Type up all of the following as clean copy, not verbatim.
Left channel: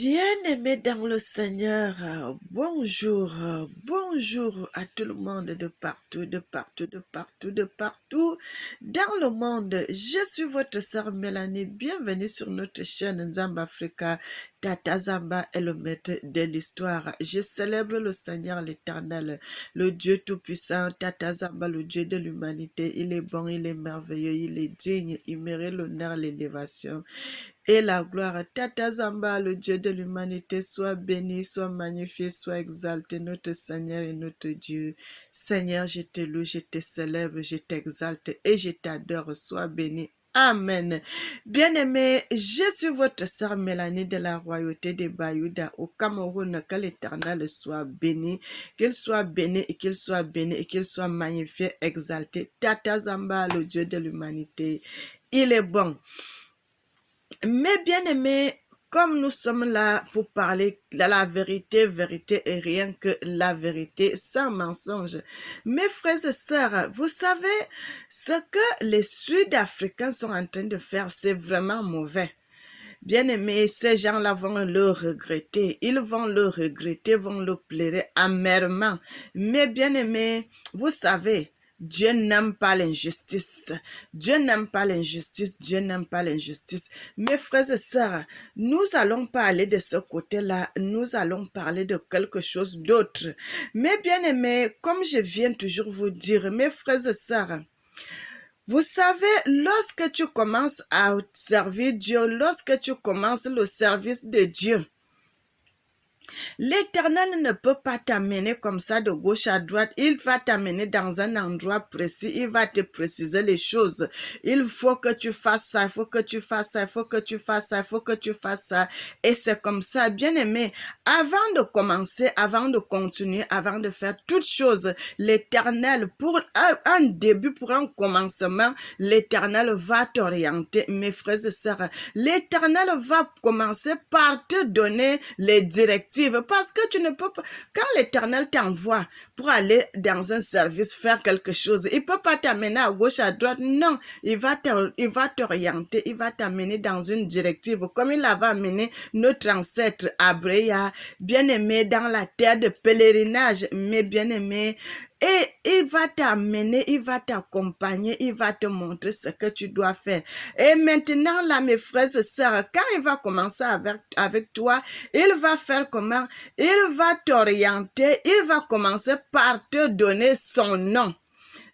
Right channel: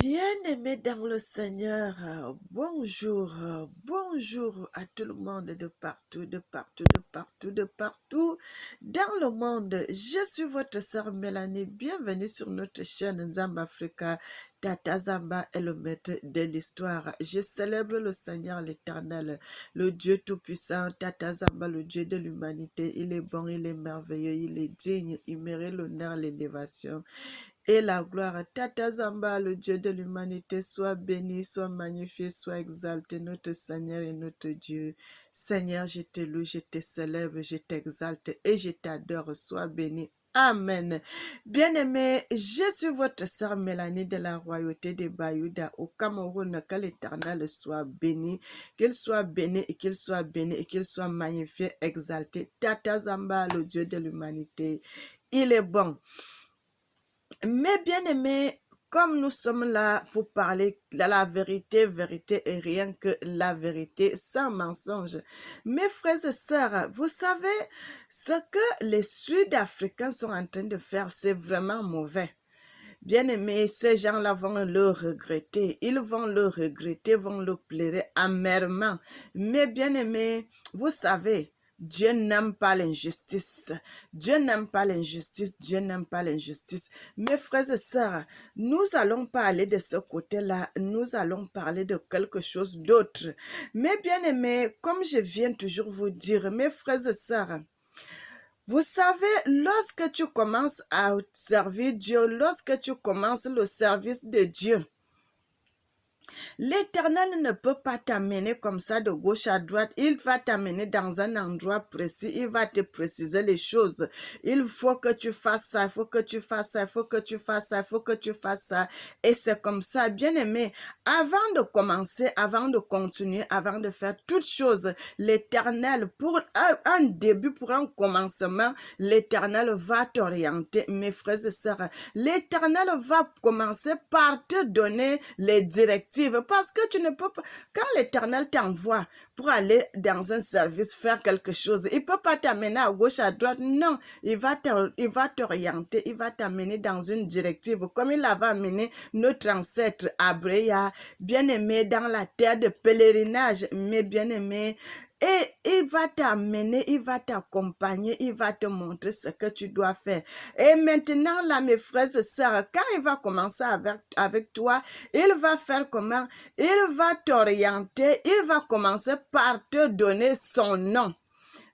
Bien-aimés dans le Seigneur, bonjour, bonjour à tout le monde de partout, de partout, de partout, de partout dans le monde. Je suis votre sœur Mélanie, bienvenue sur notre chaîne Nzamba Africa. Tata Zamba est le maître de l'histoire. Je célèbre le Seigneur l'Éternel, le Dieu Tout-Puissant. Tata Zamba, le Dieu de l'humanité. Il est bon, il est merveilleux, il est digne, il mérite l'honneur, l'élévation et la gloire. Tata Zamba, le Dieu de l'humanité, soit béni, soit magnifié, soit exalté, notre Seigneur et notre Dieu. Seigneur, je te loue, je te célèbre, je t'exalte et je t'adore. Sois béni. Amen. Bien-aimé, je suis votre sœur Mélanie de la royauté de Bayouda au Cameroun. Que l'Éternel soit béni, qu'il soit béni et qu'il soit béni et qu'il soit magnifié, exalté. Tata Zamba, le Dieu de l'humanité, il est bon. Mais bien aimés, comme nous sommes là pour parler de la vérité, vérité et rien que la vérité sans mensonge. Mes frères et sœurs, vous savez, ce que les Sud-Africains sont en train de faire, c'est vraiment mauvais. Bien aimés, ces gens-là vont le regretter. Ils vont le regretter, vont le pleurer amèrement. Mais bien aimés, vous savez, Dieu n'aime pas l'injustice. Dieu n'aime pas l'injustice. Dieu n'aime pas l'injustice. Mes frères et sœurs, nous allons pas aller de ce côté-là. Nous allons parler de quelque chose d'autre. Mais bien aimés, comme je viens toujours vous dire, mes frères et sœurs, vous savez, lorsque tu commences à servir Dieu, lorsque tu commences le service de Dieu, l'Éternel ne peut pas t'amener comme ça de gauche à droite. Il va t'amener dans un endroit précis. Il va te préciser les choses. Il faut que tu fasses ça, il faut que tu fasses ça, il faut que tu fasses ça, il faut que tu fasses ça. Et c'est comme ça, bien aimé. Avant de commencer, avant de continuer, avant de faire toutes choses, l'Éternel, pour un début, pour un commencement, l'Éternel va t'orienter, mes frères et sœurs. L'Éternel va commencer par te donner les directives. Parce que tu ne peux pas, quand l'Éternel t'envoie pour aller dans un service, faire quelque chose, il ne peut pas t'amener à gauche, à droite, non, il va t'orienter, il va t'amener dans une directive, comme il avait amené notre ancêtre Abréa, bien-aimé dans la terre de pèlerinage, mais bien-aimé, et il va t'amener, il va t'accompagner, il va te montrer ce que tu dois faire. Et maintenant, là, mes frères et sœurs, quand il va commencer avec toi, il va faire comment? Il va t'orienter, il va commencer par te donner son nom.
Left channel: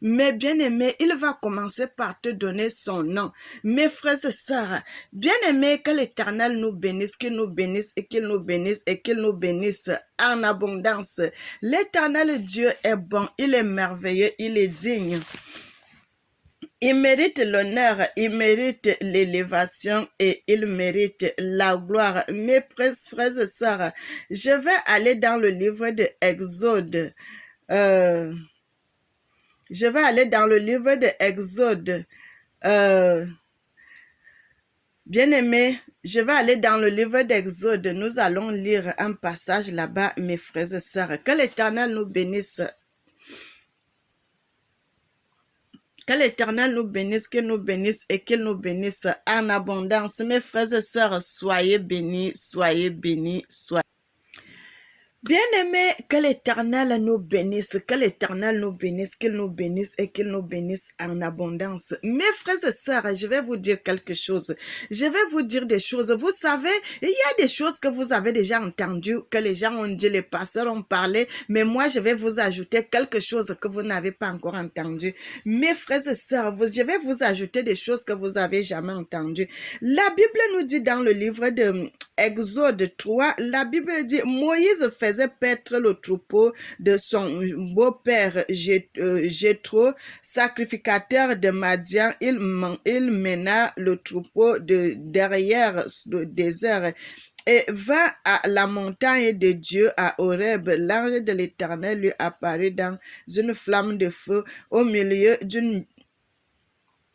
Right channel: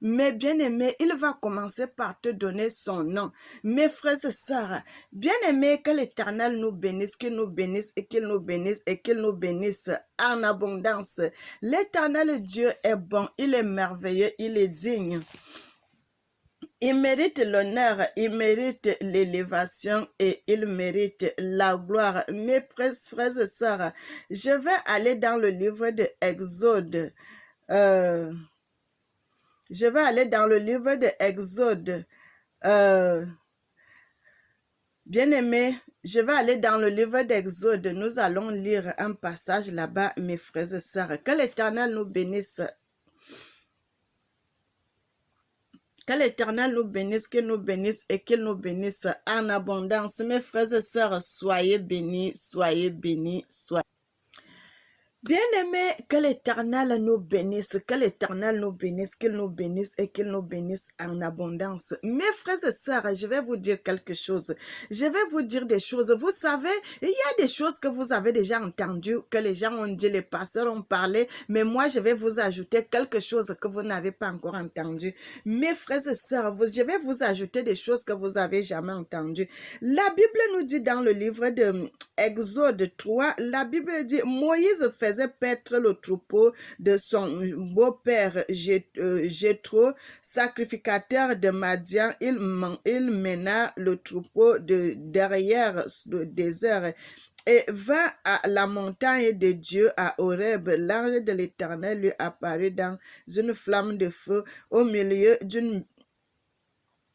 Mais bien aimé, il va commencer par te donner son nom. Mes frères et sœurs, bien aimé, que l'Éternel nous bénisse, qu'il nous bénisse et qu'il nous bénisse et qu'il nous bénisse en abondance. L'Éternel Dieu est bon, il est merveilleux, il est digne. Il mérite l'honneur, il mérite l'élévation et il mérite la gloire. Mes frères et sœurs, je vais aller dans le livre de Exode. Je vais aller dans le livre de Exode. Bien-aimé, je vais aller dans le livre d'Exode. Nous allons lire un passage là-bas, mes frères et sœurs. Que l'Éternel nous bénisse. Que l'Éternel nous bénisse, qu'il nous bénisse et qu'il nous bénisse en abondance. Mes frères et sœurs, soyez bénis, soyez bénis, soyez. Bien-aimé, que l'Éternel nous bénisse, que l'Éternel nous bénisse, qu'il nous bénisse et qu'il nous bénisse en abondance. Mes frères et sœurs, je vais vous dire quelque chose. Je vais vous dire des choses. Vous savez, il y a des choses que vous avez déjà entendues, que les gens ont dit, les pasteurs ont parlé, mais moi, je vais vous ajouter quelque chose que vous n'avez pas encore entendu. Mes frères et sœurs, je vais vous ajouter des choses que vous avez jamais entendues. La Bible nous dit dans le livre de Exode 3, la Bible dit, Moïse faisait paître le troupeau de son beau-père Jéthro, sacrificateur de Madian. Il mena le troupeau derrière le désert et vint à la montagne de Dieu à Horeb. L'ange de l'Éternel lui apparut dans une flamme de feu au milieu d'une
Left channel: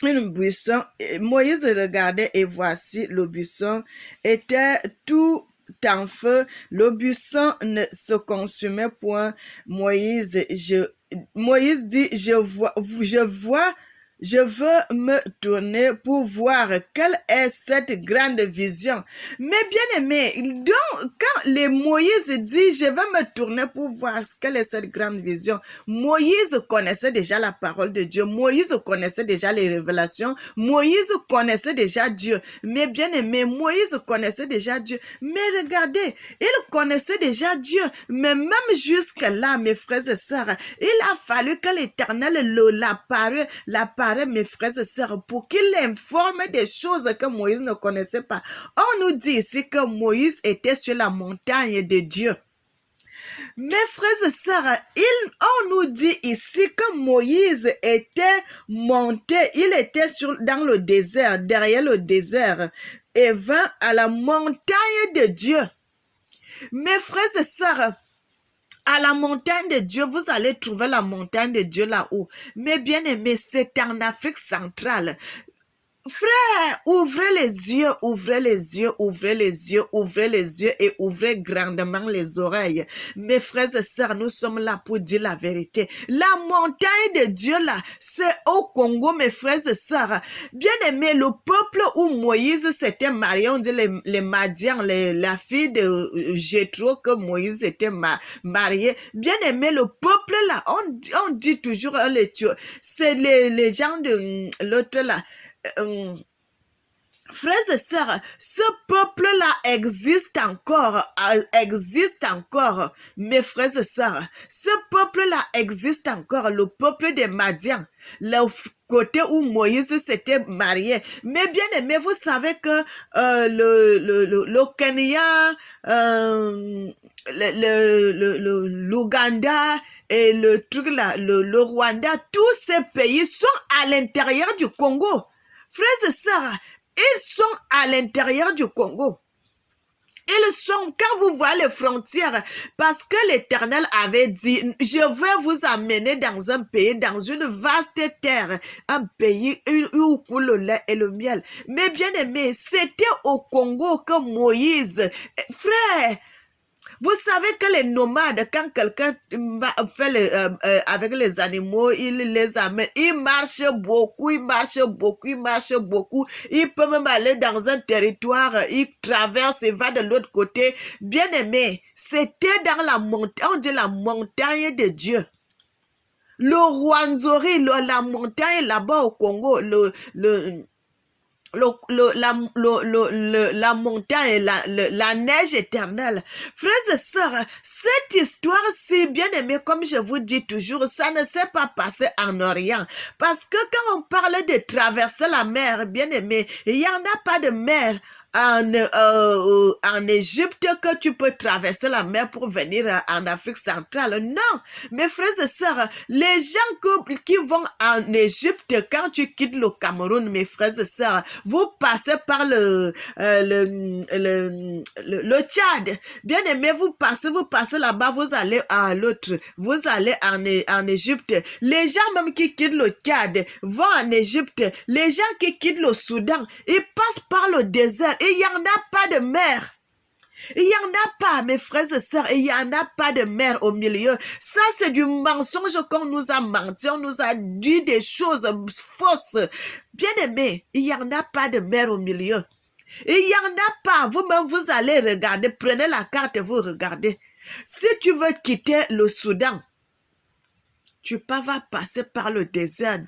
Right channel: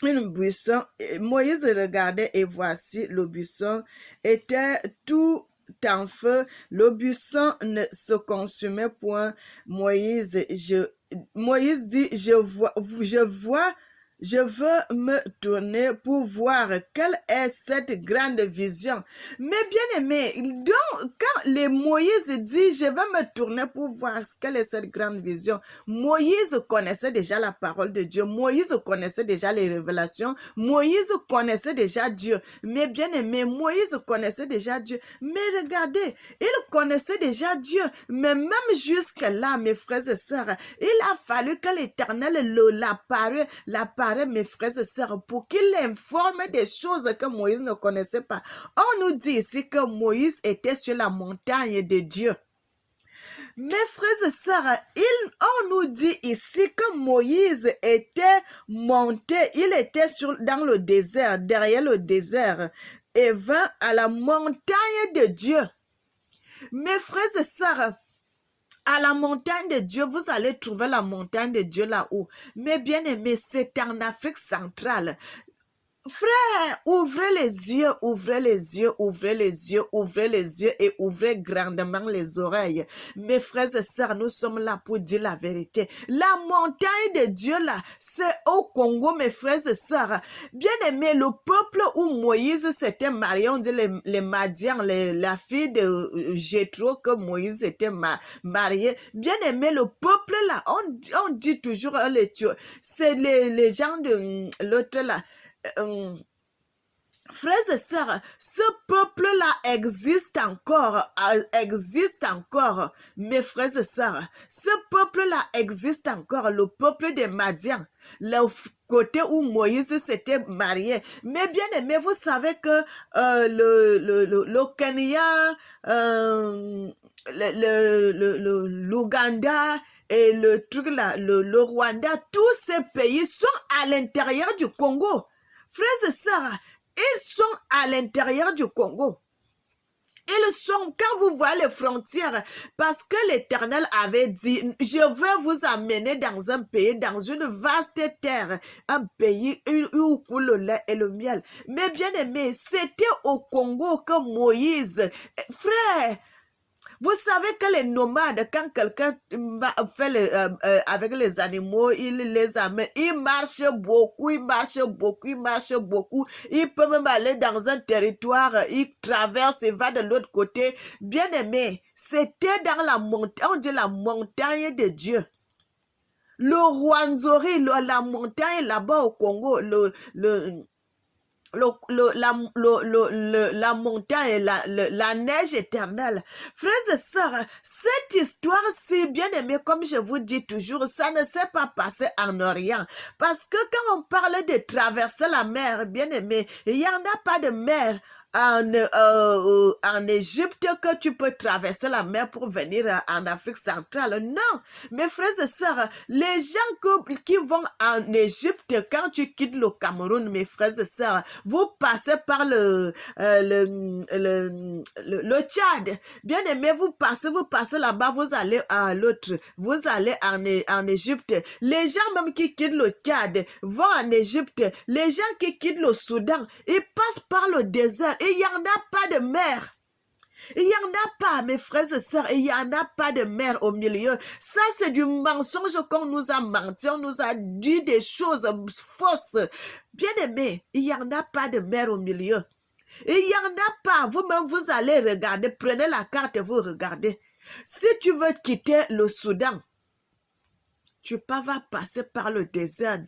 buisson. Moïse regardait et voici le buisson était tout en feu. Le buisson ne se consumait point. Moïse dit, je vois Je veux me tourner pour voir quelle est cette grande vision. Mais bien aimé, donc quand les Moïse dit je vais me tourner pour voir quelle est cette grande vision, Moïse connaissait déjà la parole de Dieu. Moïse connaissait déjà les révélations. Moïse connaissait déjà Dieu. Mais bien aimé, Moïse connaissait déjà Dieu. Mais regardez, il connaissait déjà Dieu. Mais même jusque là, mes frères et sœurs, il a fallu que l'Éternel l'apparaît, mes frères et sœurs, pour qu'il informe des choses que Moïse ne connaissait pas. On nous dit ici que Moïse était sur la montagne de Dieu. Mes frères et sœurs, on nous dit ici que Moïse était monté, il était dans le désert, derrière le désert, et vint à la montagne de Dieu. Mes frères et sœurs, à la montagne de Dieu, vous allez trouver la montagne de Dieu là-haut. Mais bien aimé, c'est en Afrique centrale. Frère, ouvrez les yeux, ouvrez les yeux, ouvrez les yeux, ouvrez les yeux et ouvrez grandement les oreilles. Mes frères et sœurs, nous sommes là pour dire la vérité. La montagne de Dieu là, c'est au Congo, mes frères et sœurs. Bien aimé, le peuple où Moïse s'était marié, on dit les Madians, la fille de Jéthro que Moïse était marié. Bien aimé, le peuple là, on dit toujours, c'est les gens de l'autre là. Frères et sœurs, ce peuple-là existe encore, mes frères et sœurs. Ce peuple-là existe encore, le peuple des Madians, le côté où Moïse s'était marié. Mais bien aimé, vous savez que le Kenya, l'Ouganda et le truc là, le Rwanda, tous ces pays sont à l'intérieur du Congo. Frères et sœurs, ils sont à l'intérieur du Congo. Ils sont, quand vous voyez les frontières, parce que l'Éternel avait dit, je vais vous amener dans un pays, dans une vaste terre, un pays où coule le lait et le miel. Mais bien aimé, c'était au Congo que Moïse, frère, vous savez que les nomades, quand quelqu'un fait avec les animaux, il les amène, il marche beaucoup. Il peut même aller dans un territoire, il traverse, il va de l'autre côté. Bien aimé, c'était dans la montagne, on dit la montagne de Dieu. Le Rwenzori, la montagne là-bas au Congo, la montagne, la neige éternelle. Frères et sœurs, cette histoire si bien aimée, comme je vous dis toujours, ça ne s'est pas passé en Orient. Parce que quand on parle de traverser la mer, bien aimé, il n'y en a pas de mer en Égypte que tu peux traverser la mer pour venir en Afrique centrale. Non, mes frères et sœurs, les gens qui vont en Égypte, quand tu quittes le Cameroun, mes frères et sœurs, vous passez par le Tchad. Bien aimé, vous passez là-bas, vous allez à l'autre, vous allez en Égypte. Les gens même qui quittent le Tchad vont en Égypte. Les gens qui quittent le Soudan, ils passent par le désert. Et il n'y en a pas de mer. Il n'y en a pas, mes frères et sœurs, il n'y en a pas de mer au milieu. Ça, c'est du mensonge qu'on nous a menti, on nous a dit des choses fausses. Bien aimé, il n'y en a pas de mer au milieu. Il n'y en a pas. Vous-même, vous allez regarder, prenez la carte et vous regardez. Si tu veux quitter le Soudan, tu vas passer par le désert.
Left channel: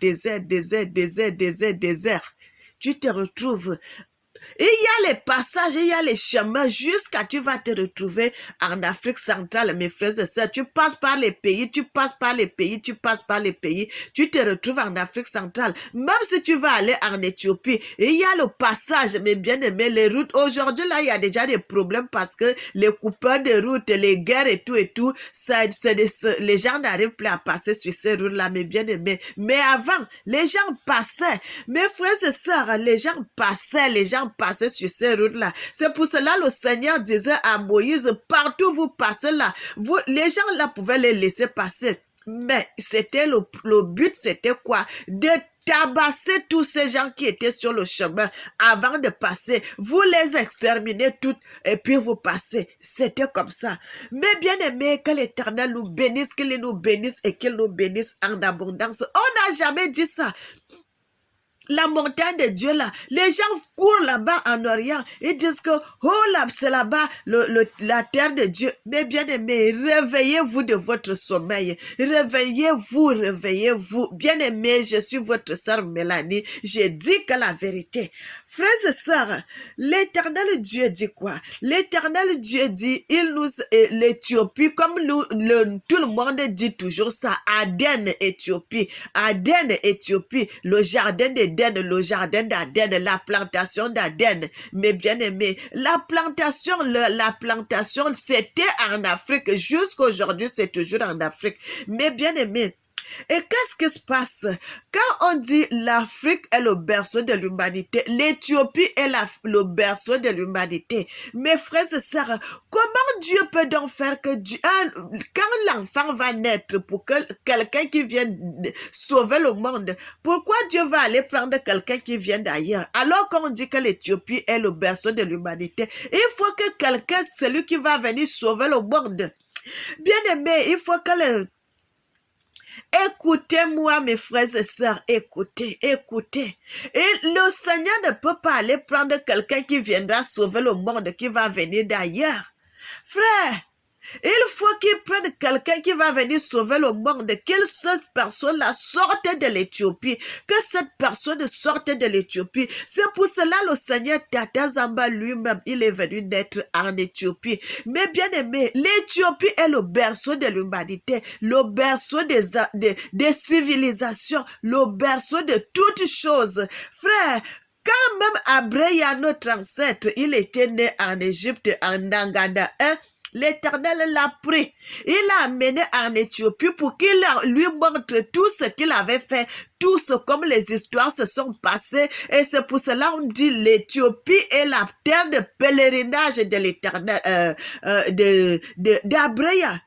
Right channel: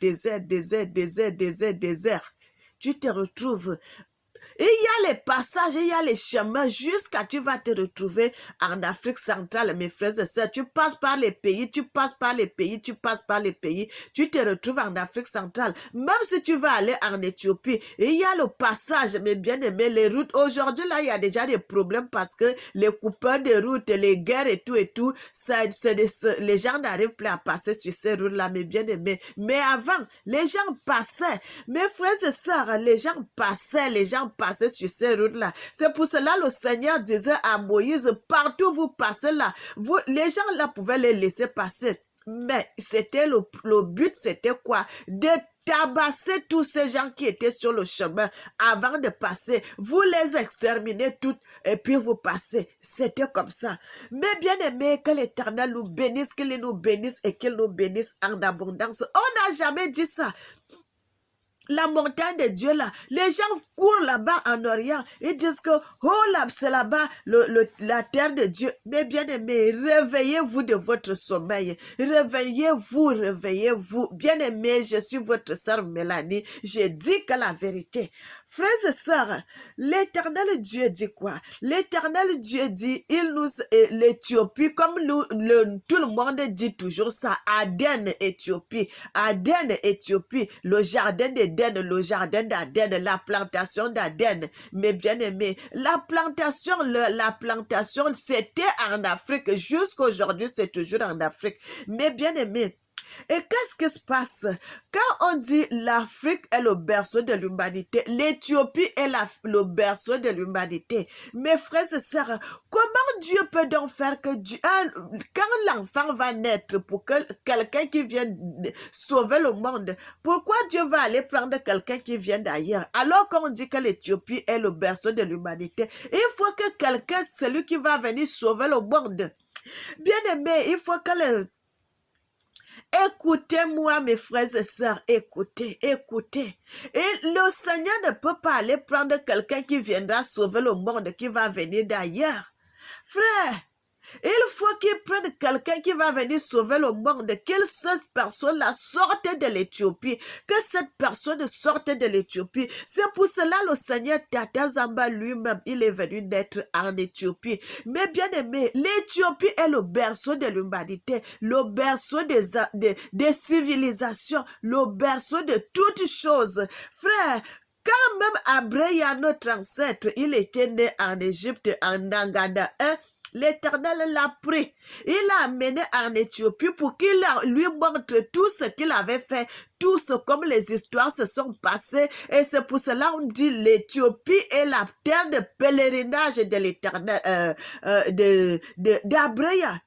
Tu te retrouves. Il y a les passages, il y a les chemins jusqu'à tu vas te retrouver en Afrique centrale, mes frères et sœurs. Tu passes par les pays, tu te retrouves en Afrique centrale. Même si tu vas aller en Éthiopie, il y a le passage, mes bien-aimés, les routes. Aujourd'hui, là, il y a déjà des problèmes parce que les coupeurs de routes, les guerres et tout, les gens n'arrivent plus à passer sur ces routes-là, mes bien-aimés. Mais avant, les gens passaient. Mes frères et sœurs, les gens passaient sur ces routes-là. C'est pour cela le Seigneur disait à Moïse, partout vous passez là, les gens là pouvaient les laisser passer. Mais c'était le but, c'était quoi? De tabasser tous ces gens qui étaient sur le chemin avant de passer. Vous les exterminez toutes et puis vous passez. C'était comme ça. Mais bien aimé, que l'Éternel nous bénisse, qu'il nous bénisse et qu'il nous bénisse en abondance. On n'a jamais dit ça. la montagne de Dieu là, les gens courent là-bas en Orient et disent que oh là, c'est là-bas la terre de Dieu. Mais bien aimé, réveillez-vous de votre sommeil. Réveillez-vous, réveillez-vous. Bien aimé, je suis votre sœur Mélanie. J'ai dit que la vérité. Frères et sœurs, l'éternel Dieu dit quoi? L'éternel Dieu dit, il nous, l'Éthiopie, comme tout le monde dit toujours ça, Aden, Éthiopie, Aden, Éthiopie, le jardin d'Éden, le jardin d'Aden, la plantation d'Aden. Mais bien aimé, la plantation, c'était en Afrique, jusqu'aujourd'hui, c'est toujours en Afrique. Mais bien aimé, et qu'est-ce qui se passe? Quand on dit l'Afrique est le berceau de l'humanité, l'Éthiopie est le berceau de l'humanité. Mes frères et sœurs, comment Dieu peut donc faire que quand l'enfant va naître pour que quelqu'un qui vienne sauver le monde, pourquoi Dieu va aller prendre quelqu'un qui vient d'ailleurs? Alors qu'on dit que l'Éthiopie est le berceau de l'humanité, il faut que quelqu'un, celui qui va venir sauver le monde. Bien aimé, il faut que Écoutez-moi, mes frères et sœurs, écoutez, écoutez. Et le Seigneur ne peut pas aller prendre quelqu'un qui viendra sauver le monde, qui va venir d'ailleurs. Frère, il faut qu'il prenne quelqu'un qui va venir sauver le monde, que cette personne-là sorte de l'Éthiopie, que cette personne sorte de l'Éthiopie. C'est pour cela le Seigneur Tata Zamba lui-même, il est venu naître en Éthiopie. Mais bien aimé, l'Éthiopie est le berceau de l'humanité, le berceau des civilisations, le berceau de toutes choses. Frère, quand même Abreya, notre ancêtre, il était né en Égypte, en Nanganda 1, l'Éternel l'a pris. Il l'a amené en Éthiopie pour qu'il lui montre tout ce qu'il avait fait, tout ce comme les histoires se sont passées. Et c'est pour cela qu'on dit l'Éthiopie est la terre de pèlerinage de l'Éternel, d'Abreya.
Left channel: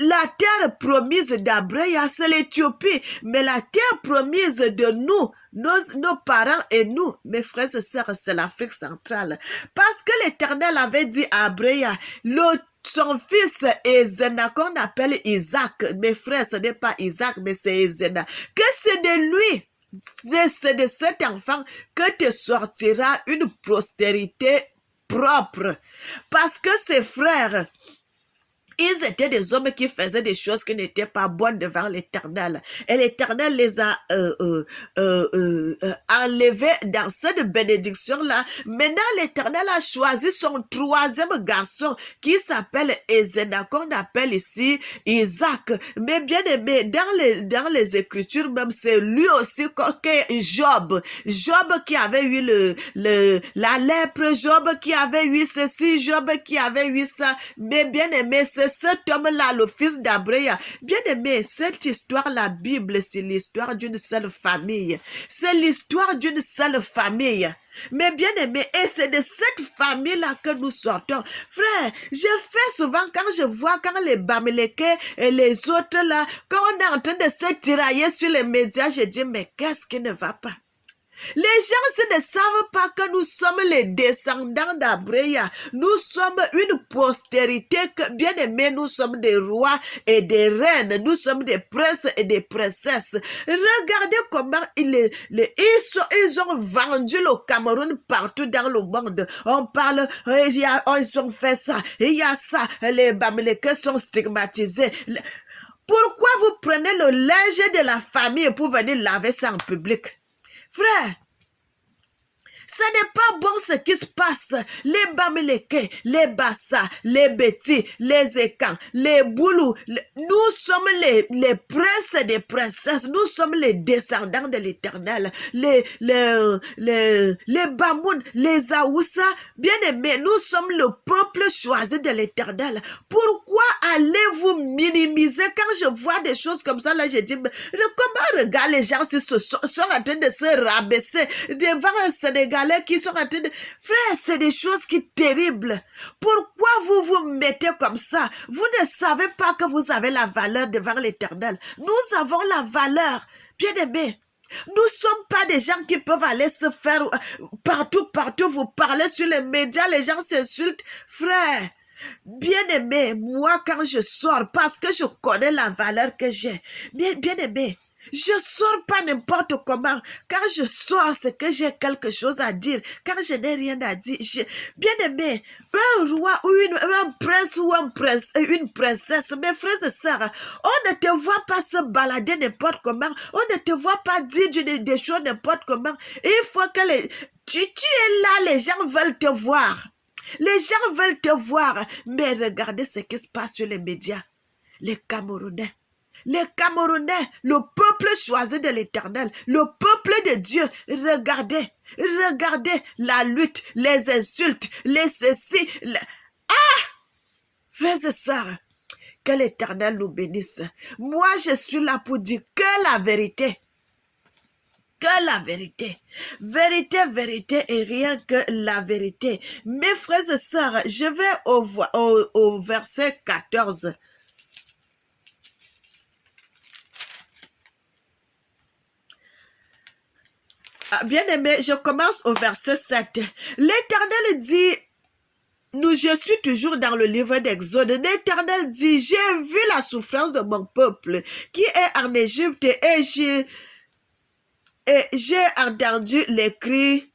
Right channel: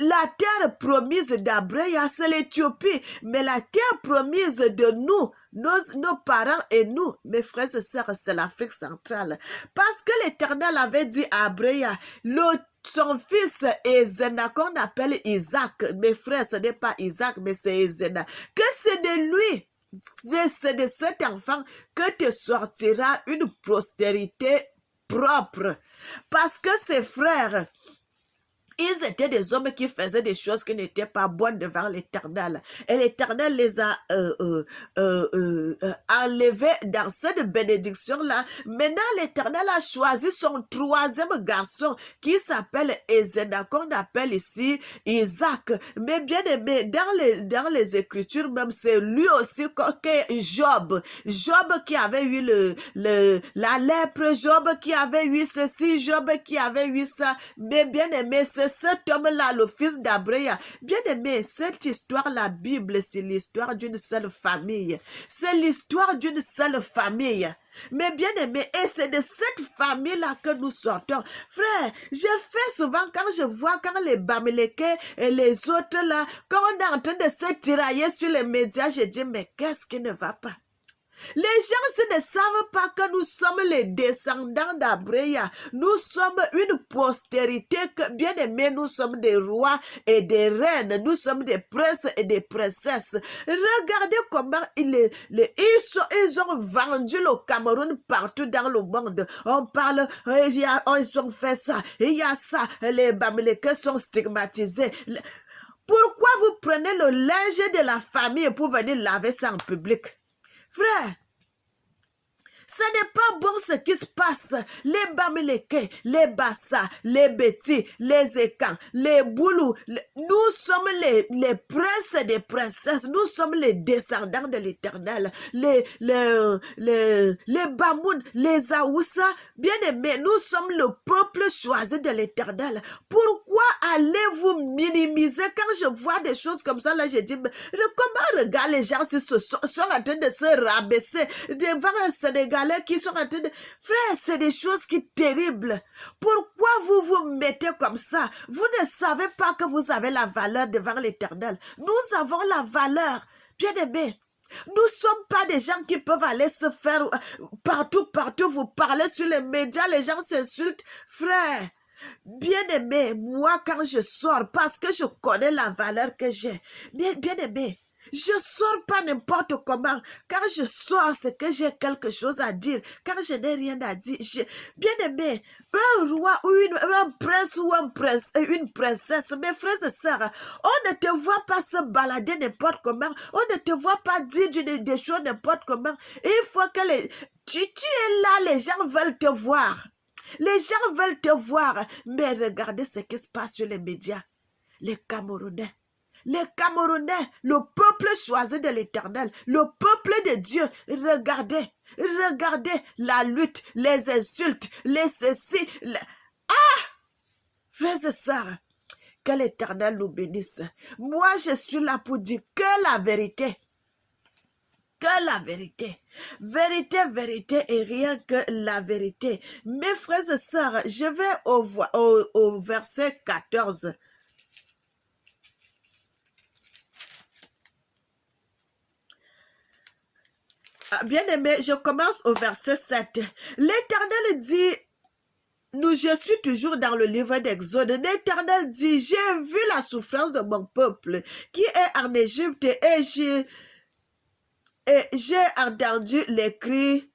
La terre promise d'Abreya, c'est l'Éthiopie, mais la terre promise de nous, nos parents et nous, mes frères et sœurs, c'est l'Afrique centrale. Parce que l'Éternel avait dit à Abreya, son fils Ezena, qu'on appelle Isaac, mes frères, ce n'est pas Isaac, mais c'est Ezena, que c'est de lui, c'est de cet enfant que te sortira une postérité propre. Parce que ses frères, ils étaient des hommes qui faisaient des choses qui n'étaient pas bonnes devant l'Éternel. Et l'Éternel les a enlevés dans cette bénédiction-là. Maintenant, l'Éternel a choisi son troisième garçon qui s'appelle Ezena, qu'on appelle ici Isaac. Mais bien aimé, dans les Écritures même, c'est lui aussi que Job. Job qui avait eu la lèpre, Job qui avait eu ceci, Job qui avait eu ça. Mais bien aimé, c'est cet homme-là, le fils d'Abreya. Bien aimé, cette histoire, la Bible, c'est l'histoire d'une seule famille. C'est l'histoire d'une seule famille. Mais bien aimé, et c'est de cette famille-là que nous sortons. Frère, je fais souvent quand je vois quand les Bamileke et les autres là, quand on est en train de se tirailler sur les médias, je dis, mais qu'est-ce qui ne va pas? Les gens ne savent pas que nous sommes les descendants d'Abreya. Nous sommes une postérité que, bien aimé, nous sommes des rois et des reines. Nous sommes des princes et des princesses. Regardez comment ils ont vendu le Cameroun partout dans le monde. On parle, ils ont fait ça, il y a ça, les Bamileke sont stigmatisés. Pourquoi vous prenez le linge de la famille pour venir laver ça en public? Frère, ce n'est pas bon ce qui se passe. Les Bamileke, les Bassa, les Beti, les Ekans, les Boulou, nous sommes les princes et des princesses. Nous sommes les descendants de l'Éternel. Les Bamoun, les Aoussa, bien aimés, nous sommes le peuple choisi de l'Éternel. Pourquoi allez-vous minimiser quand je vois des choses comme ça? Là, je dis, comment regarde les gens sont en train de se rabaisser devant le Sénégal qui sont en train de... Frère, c'est des choses qui sont terribles. Pourquoi vous vous mettez comme ça? Vous ne savez pas que vous avez la valeur devant l'Éternel. Nous avons la valeur. Bien aimé, nous ne sommes pas des gens qui peuvent aller se faire partout, vous parlez sur les médias, les gens s'insultent. Frère, bien aimé, moi quand je sors, parce que je connais la valeur que j'ai, bien aimé, Je sors pas n'importe comment. Quand je sors, c'est que j'ai quelque chose à dire. Quand je n'ai rien à dire, bien aimé, un roi ou un prince ou une princesse, mes frères et sœurs, on ne te voit pas se balader n'importe comment. On ne te voit pas dire des choses n'importe comment. Il faut que tu es là, les gens veulent te voir. Les gens veulent te voir. Mais regardez ce qui se passe sur les médias. Les Camerounais. Les Camerounais, le peuple choisi de l'Éternel, le peuple de Dieu, regardez la lutte, les insultes, les ceci. Frères et sœurs, que l'Éternel nous bénisse. Moi, je suis là pour dire que la vérité. Que la vérité. Vérité, vérité et rien que la vérité. Mes frères et sœurs, je vais au verset 14. Bien-aimé, je commence au verset 7. L'Éternel dit, je suis toujours dans le livre d'Exode. L'Éternel dit, j'ai vu la souffrance de mon peuple qui est en Égypte et j'ai entendu les cris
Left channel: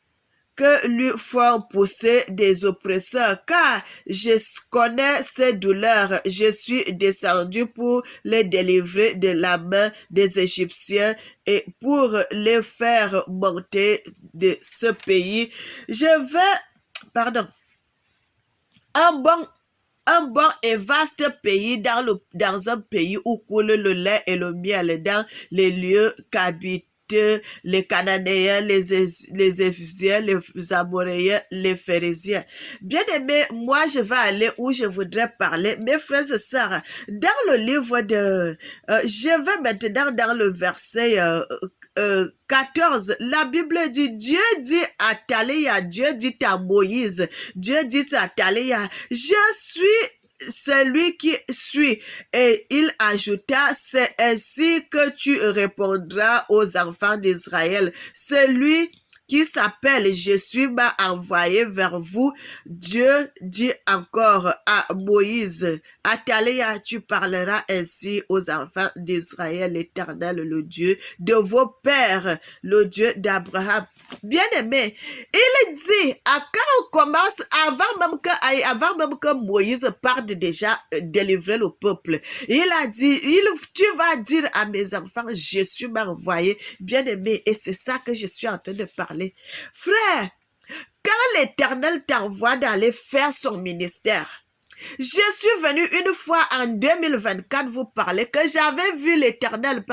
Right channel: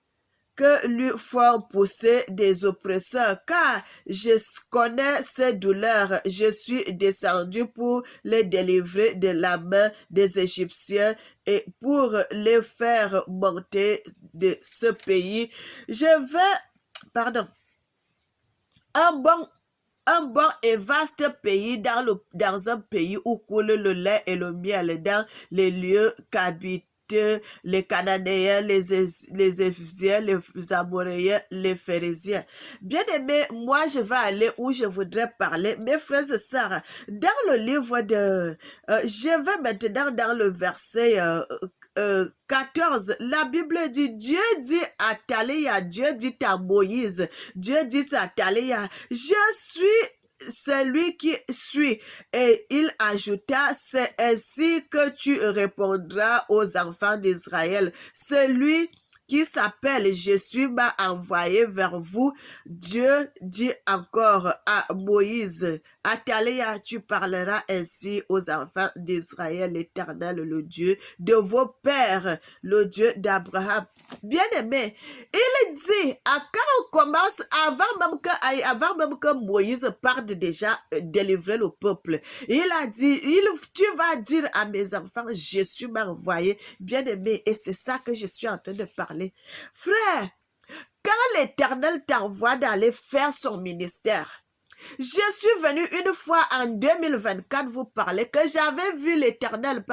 que lui font pousser des oppresseurs, car je connais ses douleurs. Je suis descendu pour les délivrer de la main des Égyptiens et pour les faire monter de ce pays. Un bon et vaste pays dans un pays où coule le lait et le miel, dans les lieux qu'habitent les Cananéens, les Éphésiens, les Amoréens, les Phérésiens. Bien aimé, moi je vais aller où je voudrais parler. Mes frères et sœurs, dans le livre je vais maintenant dans le verset 14, la Bible dit, Dieu dit à Taléa, Dieu dit à Moïse, Dieu dit à Taléa, je suis celui qui suit. Et il ajouta, c'est ainsi que tu répondras aux enfants d'Israël. Celui qui s'appelle Je suis m'a envoyé vers vous. Dieu dit encore à Moïse, à Taléa, tu parleras ainsi aux enfants d'Israël, l'Éternel, le Dieu de vos pères, le Dieu d'Abraham. Bien-aimé, il dit, quand on commence, avant même que Moïse parte déjà délivrer le peuple, il a dit, tu vas dire à mes enfants, Jésus m'a envoyé, bien-aimé, et c'est ça que je suis en train de parler. Frère, quand l'Éternel t'envoie d'aller faire son ministère, je suis venu une fois en 2024 vous parler que j'avais vu l'Éternel,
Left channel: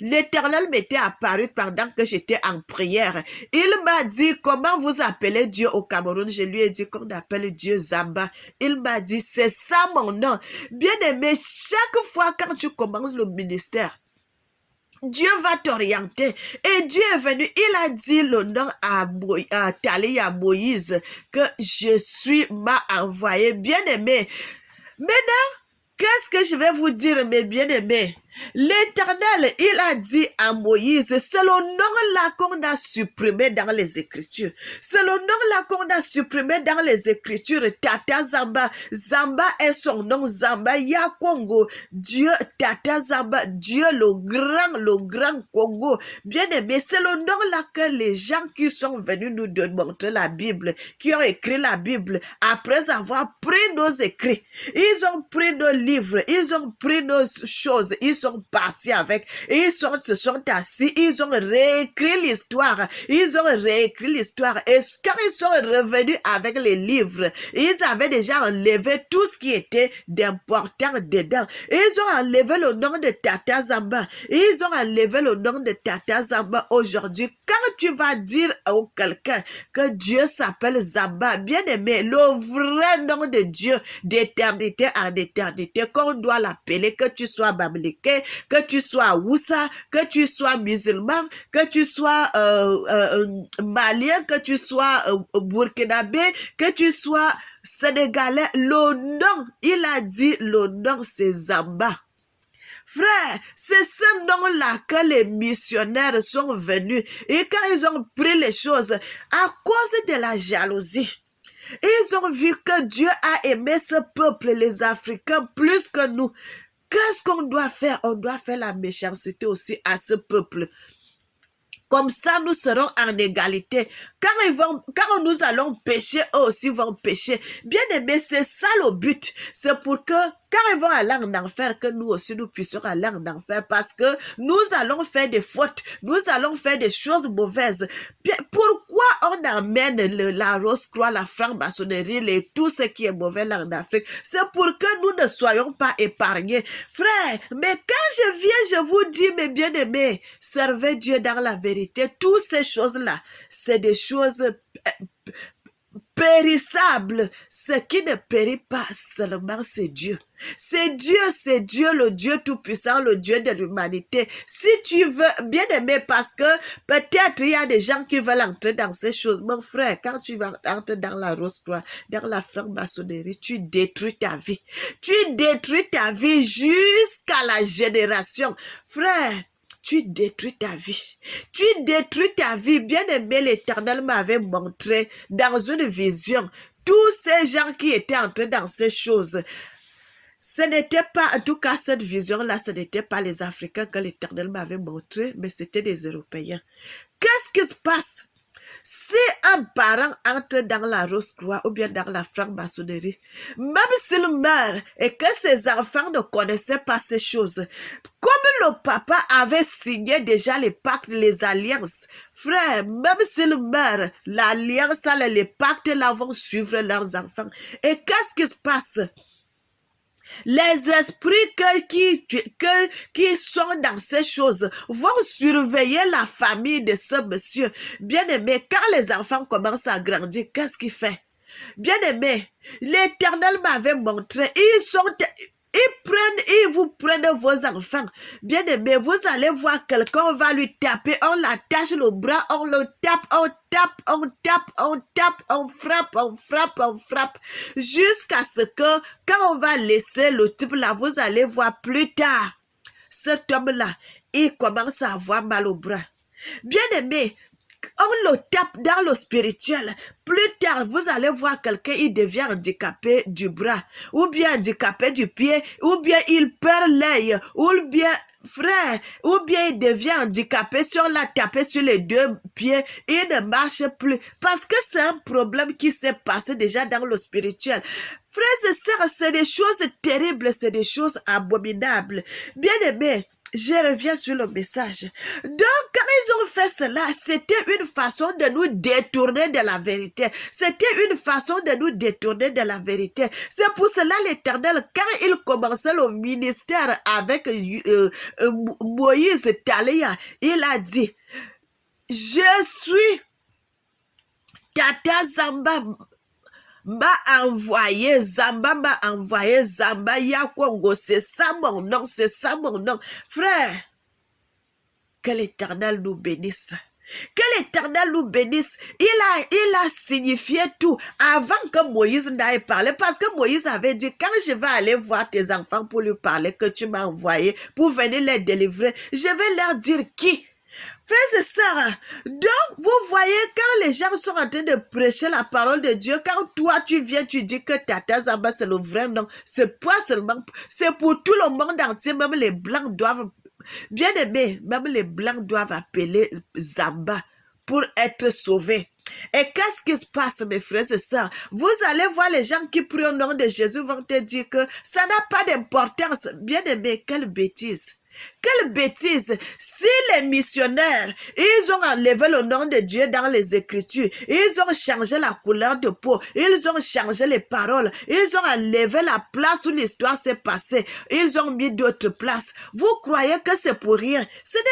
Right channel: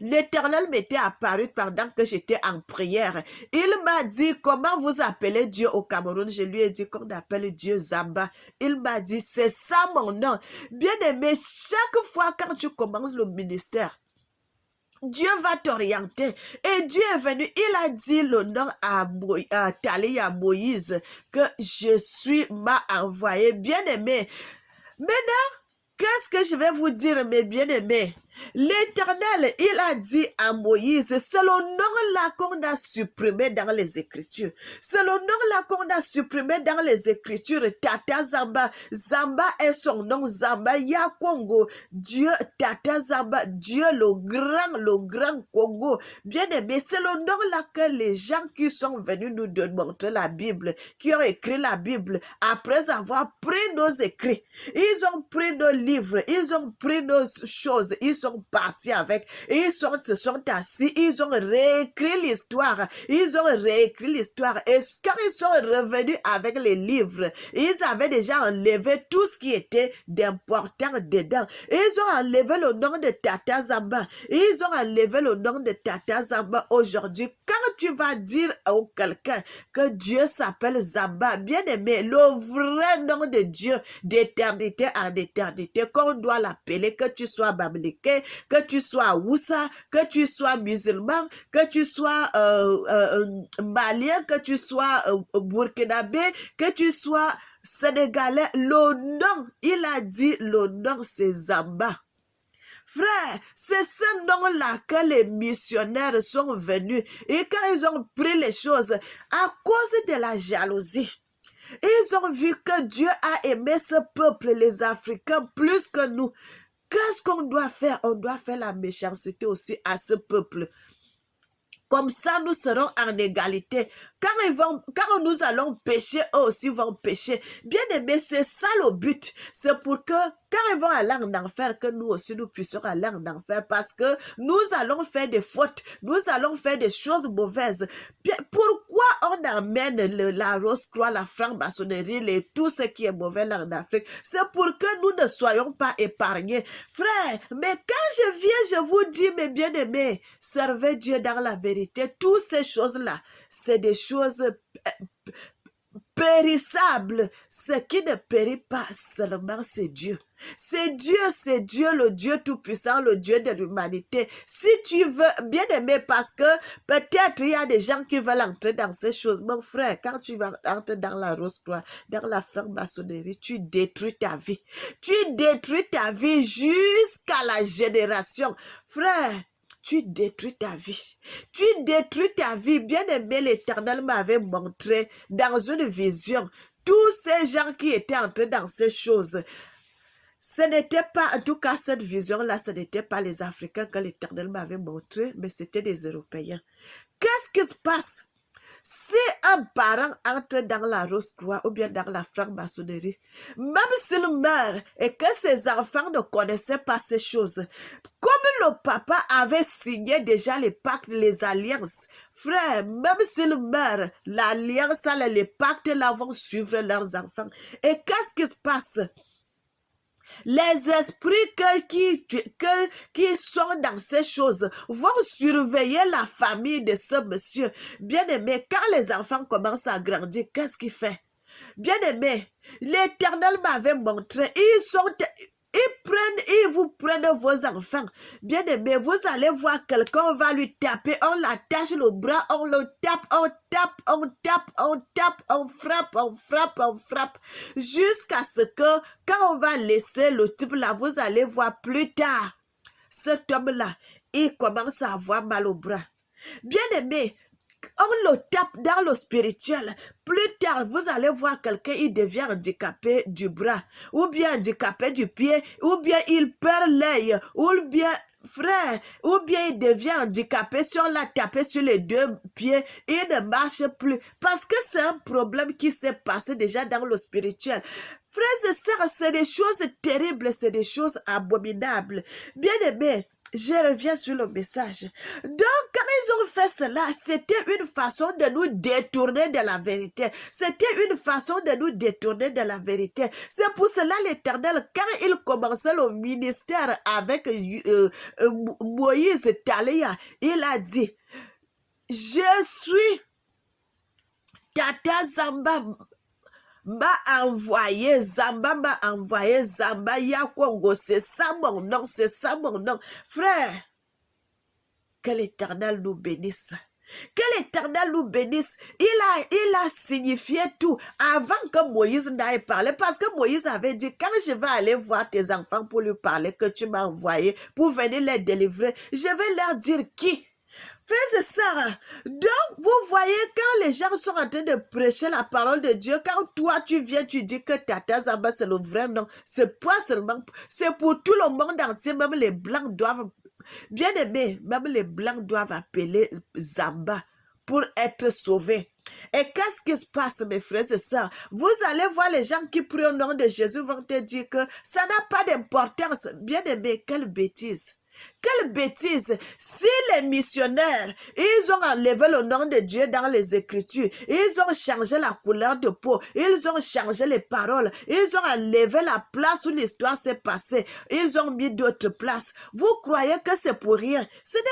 l'Éternel m'était apparu pendant que j'étais en prière. Il m'a dit, comment vous appelez Dieu au Cameroun? Je lui ai dit qu'on appelle Dieu Zamba. Il m'a dit, c'est ça mon nom. Bien-aimé, chaque fois quand tu commences le ministère, Dieu va t'orienter. Et Dieu est venu, il a dit le nom à Taléa, à Moïse, que je suis m'a envoyé. Bien-aimé. Maintenant, qu'est-ce que je vais vous dire, mes bien-aimés? L'Éternel, il a dit à Moïse, c'est le nom-là qu'on a supprimé dans les Écritures. C'est le nom-là qu'on a supprimé dans les Écritures. Tata Zamba. Zamba est son nom. Zamba Ya Congo. Dieu, Tata Zamba. Dieu le grand Congo. Bien-aimé, c'est le nom-là que les gens qui sont venus nous montrer la Bible, qui ont écrit la Bible, après avoir pris nos écrits, ils ont pris nos livres, ils ont pris nos choses, ils sont partis avec, ils se sont assis, ils ont réécrit l'histoire, et quand ils sont revenus avec les livres, ils avaient déjà enlevé tout ce qui était d'important dedans. Ils ont enlevé le nom de Tata Zamba, ils ont enlevé le nom de Tata Zamba. Aujourd'hui, quand tu vas dire à quelqu'un que Dieu s'appelle Zamba, bien aimé, le vrai nom de Dieu d'éternité en éternité, qu'on doit l'appeler, que tu sois Bamileke, que tu sois Woussa, que tu sois musulman, que tu sois malien, que tu sois burkinabé, que tu sois sénégalais, le nom, il a dit le nom c'est Zamba. Frère, c'est ce nom-là que les missionnaires sont venus et quand ils ont pris les choses à cause de la jalousie, ils ont vu que Dieu a aimé ce peuple, les Africains, plus que nous. qu'est-ce qu'on doit faire? On doit faire la méchanceté aussi à ce peuple. Comme ça, nous serons en égalité. Quand nous allons pécher, eux aussi vont pécher. Bien aimé, c'est ça le but. C'est pour que, quand ils vont aller en enfer, que nous aussi, nous puissions aller en enfer. Parce que nous allons faire des fautes. Nous allons faire des choses mauvaises. Pourquoi on amène la rose-croix, la franc-maçonnerie, tout ce qui est mauvais là en Afrique? C'est pour que nous ne soyons pas épargnés. Frère, mais quand je viens, je vous dis, mes bien-aimés, servez Dieu dans la vérité. Toutes ces choses-là, c'est des choses périssables. Ce qui ne périt pas seulement, c'est Dieu. C'est Dieu, le Dieu tout-puissant, le Dieu de l'humanité. Si tu veux, bien aimé, parce que peut-être il y a des gens qui veulent entrer dans ces choses. Mon frère, quand tu vas entrer dans la rose-croix, dans la franc-maçonnerie, tu détruis ta vie. Tu détruis ta vie jusqu'à la génération. Frère, tu détruis ta vie. Tu détruis ta vie. Bien aimé, l'Éternel m'avait montré dans une vision tous ces gens qui étaient entrés dans ces choses. Ce n'était pas, en tout cas, cette vision-là, ce n'était pas les Africains que l'Éternel m'avait montré, mais c'était des Européens. Qu'est-ce qui se passe? Si un parent entre dans la rose-croix ou bien dans la franc-maçonnerie, même s'il meurt et que ses enfants ne connaissaient pas ces choses, comme le papa avait signé déjà les pactes, les alliances, frère, même s'il meurt, l'alliance, les pactes là vont suivre leurs enfants. Et qu'est-ce qui se passe? Les esprits qui sont dans ces choses vont surveiller la famille de ce monsieur. Bien aimé, quand les enfants commencent à grandir, qu'est-ce qu'il fait? Bien aimé, l'Éternel m'avait montré, ils vous prennent vos enfants. Bien aimé, vous allez voir quelqu'un va lui taper, on l'attache le bras, on le tape, on frappe, jusqu'à ce que, quand on va laisser le type là, vous allez voir plus tard, cet homme-là, il commence à avoir mal au bras. Bien aimé, on le tape dans le spirituel. Plus tard, vous allez voir quelqu'un, il devient handicapé du bras, ou bien handicapé du pied, ou bien il perd l'œil, ou bien, frère, ou bien il devient handicapé si on l'a tapé sur les deux pieds, il ne marche plus. Parce que c'est un problème qui s'est passé déjà dans le spirituel. Frères et sœurs, c'est des choses terribles, c'est des choses abominables. Bien aimé, je reviens sur le message. Donc, quand ils ont fait cela, c'était une façon de nous détourner de la vérité. C'était une façon de nous détourner de la vérité. C'est pour cela l'Éternel, quand il commençait le ministère avec Moïse Taléa, il a dit, je suis Tata Zamba m'a envoyé, Zamba Yakongo, c'est ça mon nom, c'est ça mon nom. Frère, que l'Éternel nous bénisse. Que l'Éternel nous bénisse. Il a signifié tout avant que Moïse n'aille parler. Parce que Moïse avait dit, quand je vais aller voir tes enfants pour lui parler, que tu m'as envoyé pour venir les délivrer, je vais leur dire qui? Frères et sœurs, donc vous voyez quand les gens sont en train de prêcher la parole de Dieu, quand toi tu viens, tu dis que Tata Zamba c'est le vrai nom, c'est pas seulement, c'est pour tout le monde entier, même les blancs doivent, bien aimés, même les blancs doivent appeler Zamba pour être sauvés. Et qu'est-ce qui se passe, mes frères et sœurs? Vous allez voir les gens qui prient au nom de Jésus vont te dire que ça n'a pas d'importance. Bien aimé, quelle bêtise! Quelle bêtise! Si les missionnaires, ils ont enlevé le nom de Dieu dans les Écritures, ils ont changé la couleur de peau, ils ont changé les paroles, ils ont enlevé la place où l'histoire s'est passée, ils ont mis d'autres places. Vous croyez que c'est pour rien? Ce n'est